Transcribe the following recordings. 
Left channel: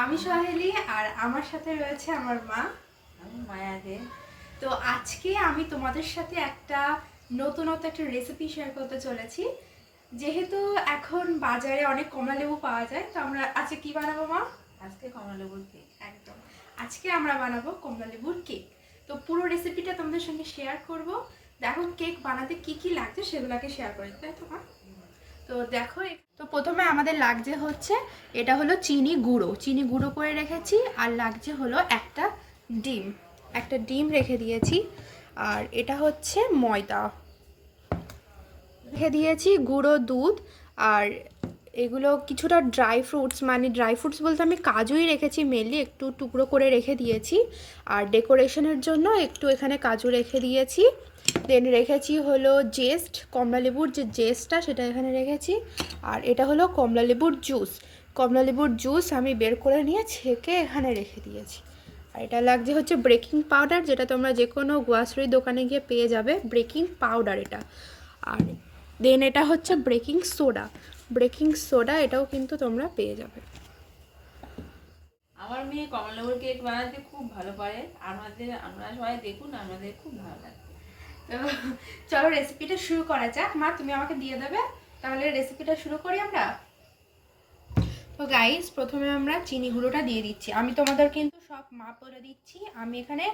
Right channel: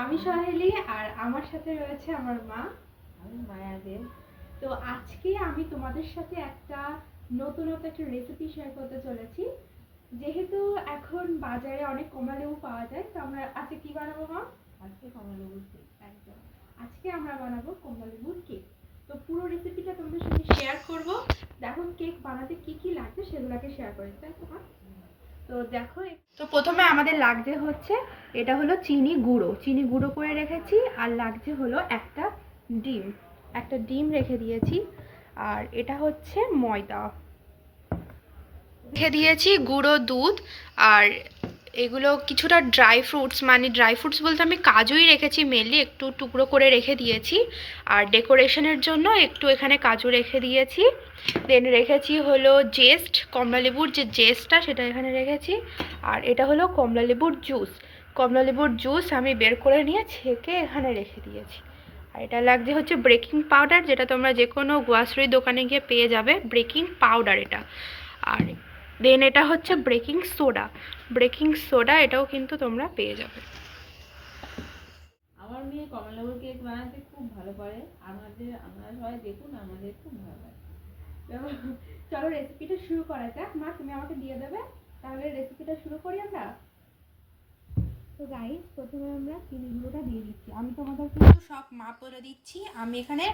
আমি সোহেলি আর আমার সাথে রয়েছে আমার মা। আমি মায়া দে। তো আজকে আমি তোমাদের সাথে একটা নতুনত্ব একটা রেসিপি শেয়ার করতে চলেছি। যেহেতু এখন বাজারে অনেক কমলা লেবু পাওয়া যায়, তো আমরা আজকে কি বানাবো মা? আজকে কমলা লেবুর কেক। একদম, আজকে আমরা বানাবো কমলা লেবুর কেক। তো পুরো রেসিপিটা তোমাদের সঙ্গে শেয়ার করব। দেখো কেক বানাতে কি কি লাগছে সেগুলোকে শেয়ার করে, তাই তো মা? তো দেখো, তো প্রথমে আমাদের লাগছে হচ্ছে, এটা হলো চিনি গুঁড়ো করে রেখেছি। আর লাগছে হলো একটা ডিম রেখে দিয়েছি। আর এটা হচ্ছে ময়দা রেখে দিয়েছি, গুঁড়ো দুধ। আর এগুলো কিছুটা ড্রাই ফ্রুটস বলতে আমি কাজুই রেখেছি মেনলি, একটু টুকরো করে রেখে দিয়েছি। আর ডেকোরেশনের জন্য একটু এখানে কাজু রেখে দিয়েছি। দেন রেখেছি হলো জেস্ট, কমলালেবুর যে জেস্টটা সেটা এখানে রেখেছি। আর এটা হলো কমলালেবুর জুস আমি বের করে নিয়ে ছেঁকে এখানে রেখে দিয়েছি। আর এটা লাগছে হচ্ছে বেকিং পাউডার, যেটা তোমরা যে কোনো গ্রোসারি দোকানে গিয়ে পেয়ে যাবে, বেকিং পাউডার এটা। আর দেন এটা হচ্ছে বেকিং সোডা, এটাও কিন্তু তোমরা পেয়ে যাবে। আমার মেয়ে কমলা লেবুর কেক বানাতে খুব ভালো পারে। আমরা সবাই দেখুন, আমাদের খুব ভালো লাগে। তো চলো রেসিপিটা শুরু করা যাক। মা তুমি আমাকে দিয়ে দেবে, তাহলে রেসিপিটা শুরু করি আমরা। তো গাইস, প্রথমে আমরা চিনি গুঁড়োটা দিয়ে দিচ্ছি। আমি তোমাদের কিন্তু সব মাপ বলে দিচ্ছি। আমি এখানে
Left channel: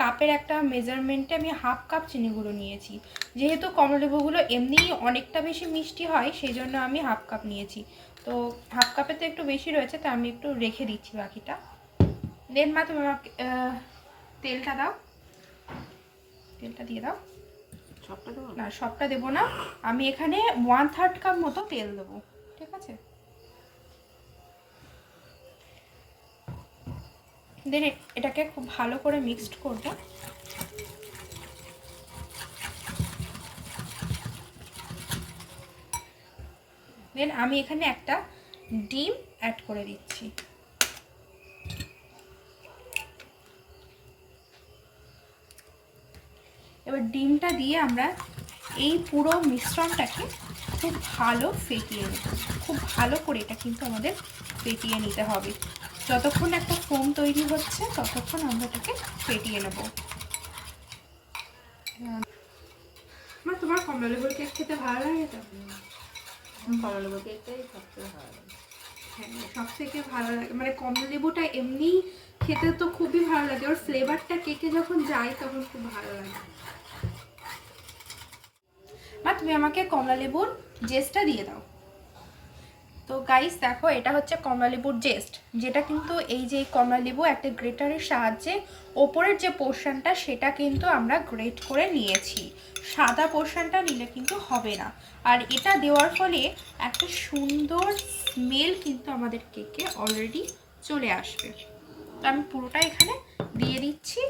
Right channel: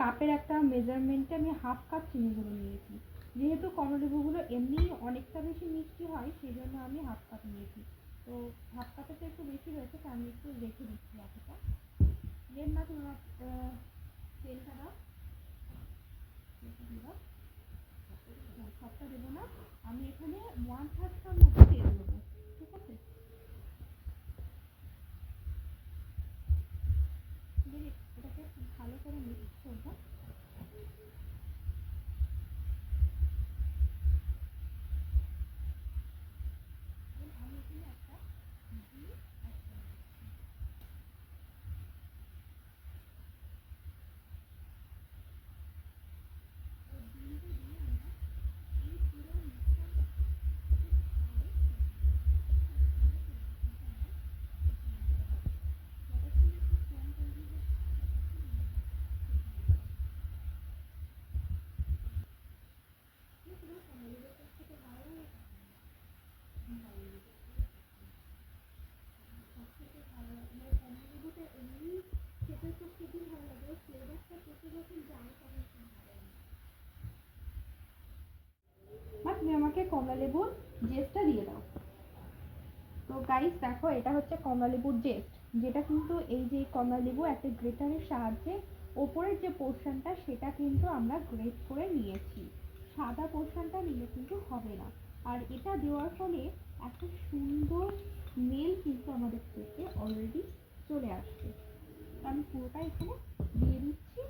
কাপের একটা মেজারমেন্টে আমি 1/2 কাপ চিনি গুঁড়ো নিয়েছি। যেহেতু কমলালেবুগুলো এমনি অনেকটা বেশি মিষ্টি হয়, সেই জন্য আমি 1/2 কাপ নিয়েছি। তো 1/2 কাপে তো একটু বেশি রয়েছে, তো আমি একটু রেখে দিচ্ছি বাকিটা। দেন মা তুমি আমাকে তেলটা দাও, তেলটা দিয়ে দাও। সবটা দেবো না, সবটা দেবো না, আমি এখানে 1/3 কাপ মতো তেল দেবো, ঠিক আছে? দেন এটাকে খুব ভালো করে মিক্সড করব। দেন আমি এখানে একটা ডিম অ্যাড করে দিচ্ছি। এবার ডিমটা দিয়ে আমরা এই পুরো মিশ্রণটাকে খুব ভালো ফেটিয়ে নেব। খুব ভালো করে এটা কিন্তু আমাদের ফেটিয়ে নিতে হবে। যতক্ষণ একটা ফোম তৈরি হচ্ছে ততক্ষণ আমরা এটাকে ফেটিয়ে নেব। তোমার কমলা লেবুর কেক খেতে ভালো লাগে তো? কমলা লেবুর কেকটাই সবথেকে ভালো লাগে। হ্যাঁ, সব থেকে ভালো লাগে, মানে কমলা লেবুটা এমনি খেতে তো খুবই ভালো লাগে, ওর ফ্লেভারটা কেকে যখন যায় তখন খুব ভালো লাগে। মা তুমি আমাকে কমলা লেবুর জেস্টটা দিয়ে দাও। তো গাইস দেখো, এটা হচ্ছে কমলা লেবুর জেস্ট, যেটা কিন্তু এই যে কমলা লেবু একটা গ্রেটারের সাহায্যে ওপরের যে পোর্শনটা সেটা কিন্তু আমরা গ্রেট করে নিয়েছি। সাদা পোর্শনটা নিলে কিন্তু হবে না। আর এটা দেওয়ার ফলে একটা সুন্দর স্মেল কিন্তু আমাদের কেকে অলরেডি চলে আসবে। তো আমি পুরোটা এখানে দিয়ে দিচ্ছি।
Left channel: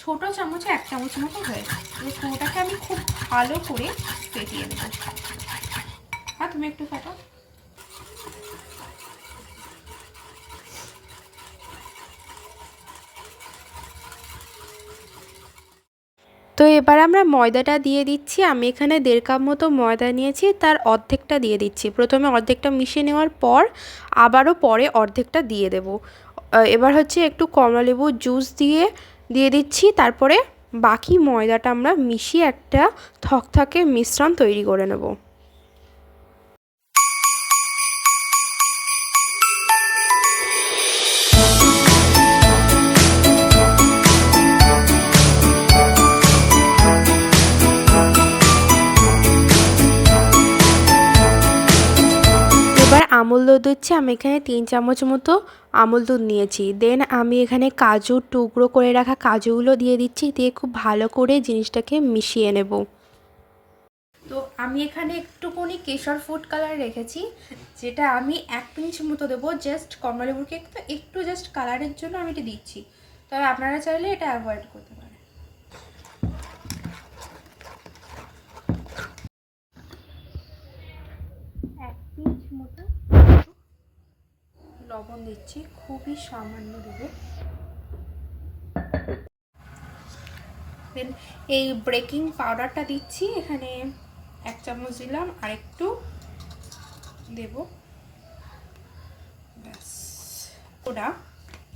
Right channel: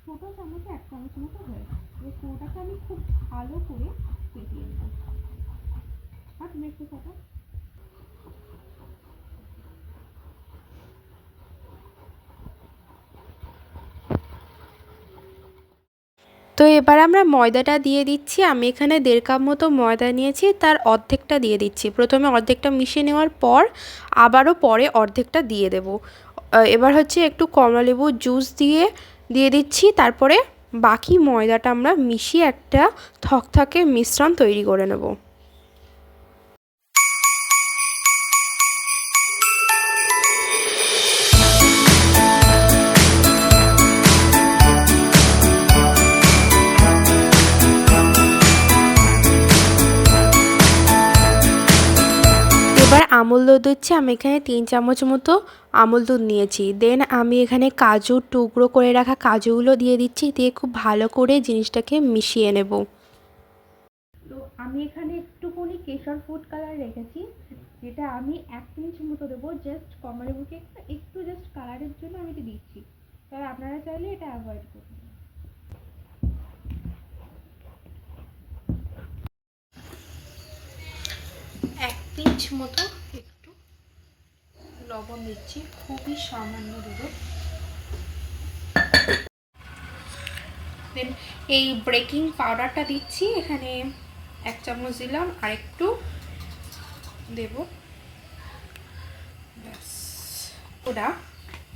ছোট চামচে 1 চামচ মতো হয়েছে। এই পুরোটাকে আমি খুব ভালো করে ফেটিয়ে নেব। হ্যাঁ, তুমি একটু ফেটো। তো এবার আমরা ময়দাটা দিয়ে দিচ্ছি। আমি এখানে 1.5 কাপ মতো ময়দা নিয়েছি, তার অর্ধেকটা দিয়ে দিচ্ছি। প্রথমে অর্ধেকটা মিশিয়ে নেওয়ার পর আবারও পরে অর্ধেকটা দিয়ে দেব। এবার হচ্ছে একটু কমলালেবুর জুস দিয়ে দিচ্ছি। তারপরে বাকি ময়দাটা আমরা মিশিয়ে একটা থকথকে মিশ্রণ তৈরি করে নেব। এবার আমুল দুধ দিচ্ছি। আমি এখানে 3 চামচ মতো আমুল দুধ নিয়েছি। দেন আমি এখানে কাজুর টুকরো করে রাখা কাজুগুলো দিয়ে দিচ্ছি, দিয়ে খুব ভালো করে জিনিসটাকে মিশিয়ে নেব। তো আমি এখানে একটুখানি কেশর ফুড কালার রেখেছি, যেটা আমি 1 পিঞ্চ মতো দেবো। জাস্ট কমলালেবুর কেক তো একটু জাস্ট কালারের জন্য আমি এটা দিচ্ছি, তবে আপনারা চাইলে এটা অ্যাভয়েড করতে পারেন। 1 পিঞ্চ মতো লবণ দিচ্ছি, খুবই সামান্য দেবো। দেন এই বেকিং পাউডারটা দিচ্ছি, এখানে 1 চামচ দিলাম, আর একটু দেব, ব্যাস। সোডা,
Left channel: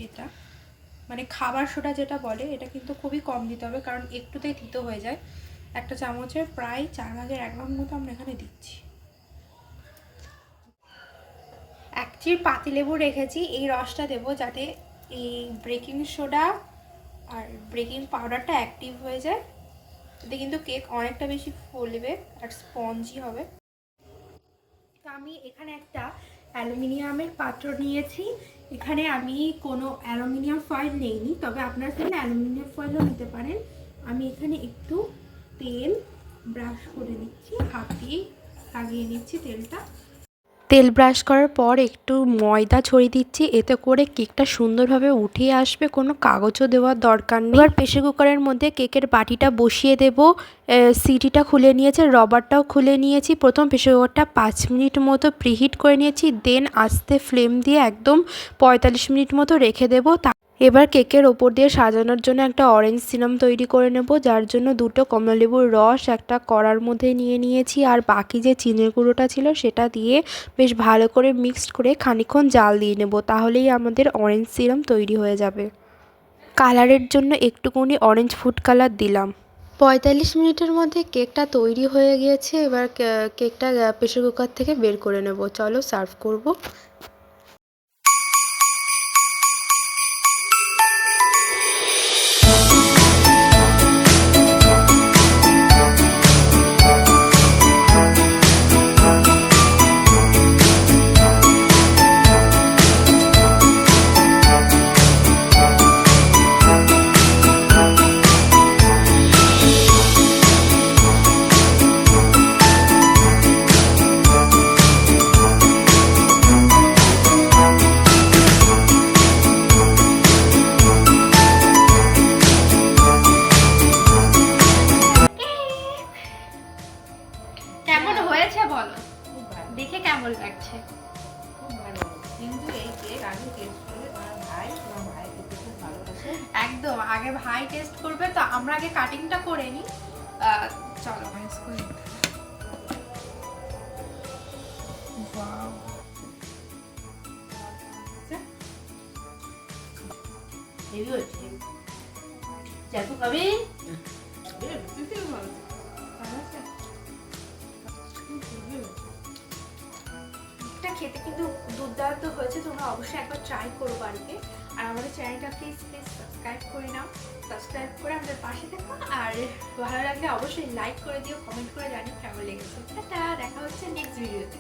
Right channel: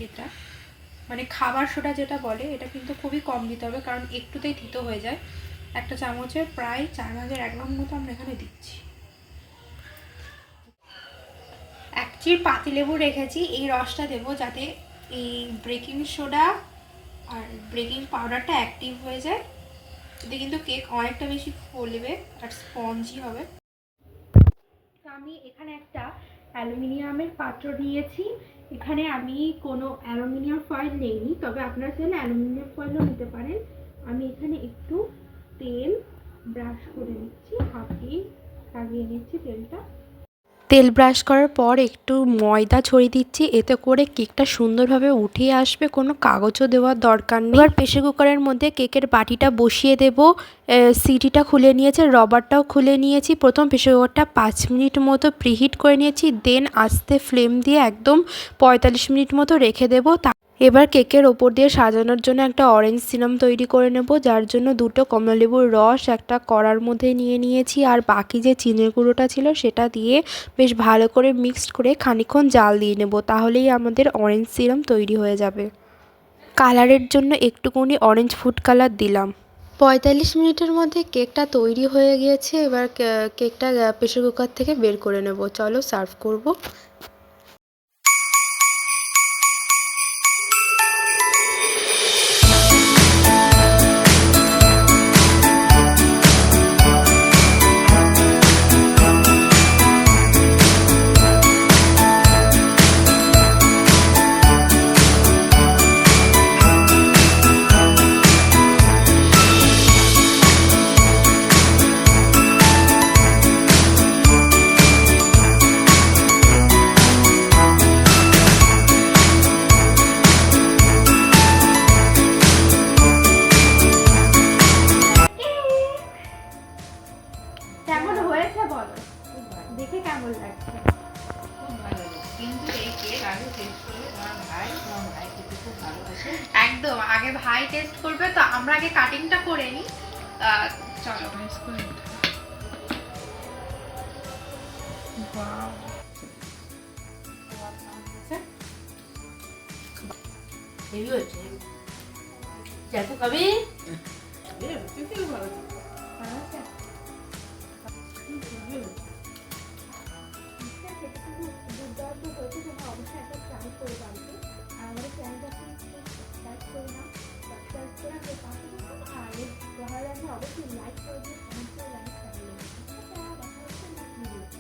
এটা মানে খাবার সোডা যেটা বলে, এটা কিন্তু খুবই কম দিতে হবে, কারণ একটুতেই তিতো হয়ে যায়। একটা চামচের প্রায় 4/1 মতো আমরা এখানে দিচ্ছি। 1 চির পাতিলেবু রেখেছি, এই রসটা দেবো যাতে এই বেকিং সোডা আর বেকিং পাউডারটা অ্যাক্টিভ হয়ে যায়। এতে কিন্তু কেক অনেকটা বেশি ফুলবে আর স্পঞ্জি হবে। তো আমি এখানে একটা অ্যালুমিনিয়ামের পাত্র নিয়েছি। এখানে আমি কোনো অ্যালুমিনিয়াম ফয়েল নেইনি, তবে আপনারা চাইলে অ্যালুমিনিয়াম ফয়েলও নিতে পারেন। আমি এখানে একটু তেল ব্রাশ করে নিচ্ছি, হাত দিয়ে লাগিয়ে নিচ্ছি তেলটা। তেল ব্রাশ করার পর একটু ময়দা ছড়িয়ে দিচ্ছি, এতে করে কেকটা সুন্দরভাবে উঠে আসবে, কোনো কাগজও দেওয়ার দরকার নেই। এবার প্রেসার কুকারের মধ্যে কেকের বাটিটা বসিয়ে দেব। সিটিটা খুলে নিয়েছে, রবারটাও খুলে নিয়েছি। প্রথম প্রেসার কুকারটা 5 মিনিট মতো প্রিহিট করে নিয়েছি, দেন আস্তে ফ্লেম দিয়ে একদম 45 মিনিট মতো রেখে দেবো। এবার কেকের ওপর দিয়ে সাজানোর জন্য একটা অরেঞ্জ সিরাপ তৈরি করে নেব, যার জন্য 2টো কমলালেবুর রস একটা কড়ার মধ্যে নিয়ে নিয়েছি, আর বাকি যে চিনির গুঁড়োটা ছিল সেটা দিয়ে বেশ ভালো করে মিক্সড করে খানিকক্ষণ জাল দিয়ে নেব, তাহলেই আমাদের অরেঞ্জ সিরাপ তৈরি হয়ে যাবে। কালারের জন্য একটুকুনি অরেঞ্জ ফুড কালার দিলাম। 45 মিনিটের মধ্যে কেকটা তৈরি হয়ে গিয়েছে। এবার কেকটা প্রেসার কুকার থেকে বের করে নেব। চলো সার্ভ করব। কেমন হয়েছে বলো, খুব ভালো, দেখে কেমন লাগছে? খুব ভালো। কিন্তু এই কেক আগে টেস্ট করবে তোমার ভাই খেতে খুব ভালোবাসে। একদম আগে ভাই টেস্ট করবে, তো আমরা আগে কাটিংটা করে নিই। চলো। হেভি হচ্ছে, দেখো কবি এটা খেতে কিন্তু দুর্দান্ত হয়েছে, তোমরা অবশ্যই একবার ট্রাই করো বাড়িতে। আর আমাদের চ্যানেলটা প্লিজ সাবস্ক্রাইব করে নাও, সাবস্ক্রাইব করে আমাদের পাশে থাকো। আর ভালো লাগলে অবশ্যই লাইক করে দিও, কমেন্ট করে জানিও কেমন লেগেছে। টাটা, দেখা হচ্ছে নেক্সট ভিডিওতে।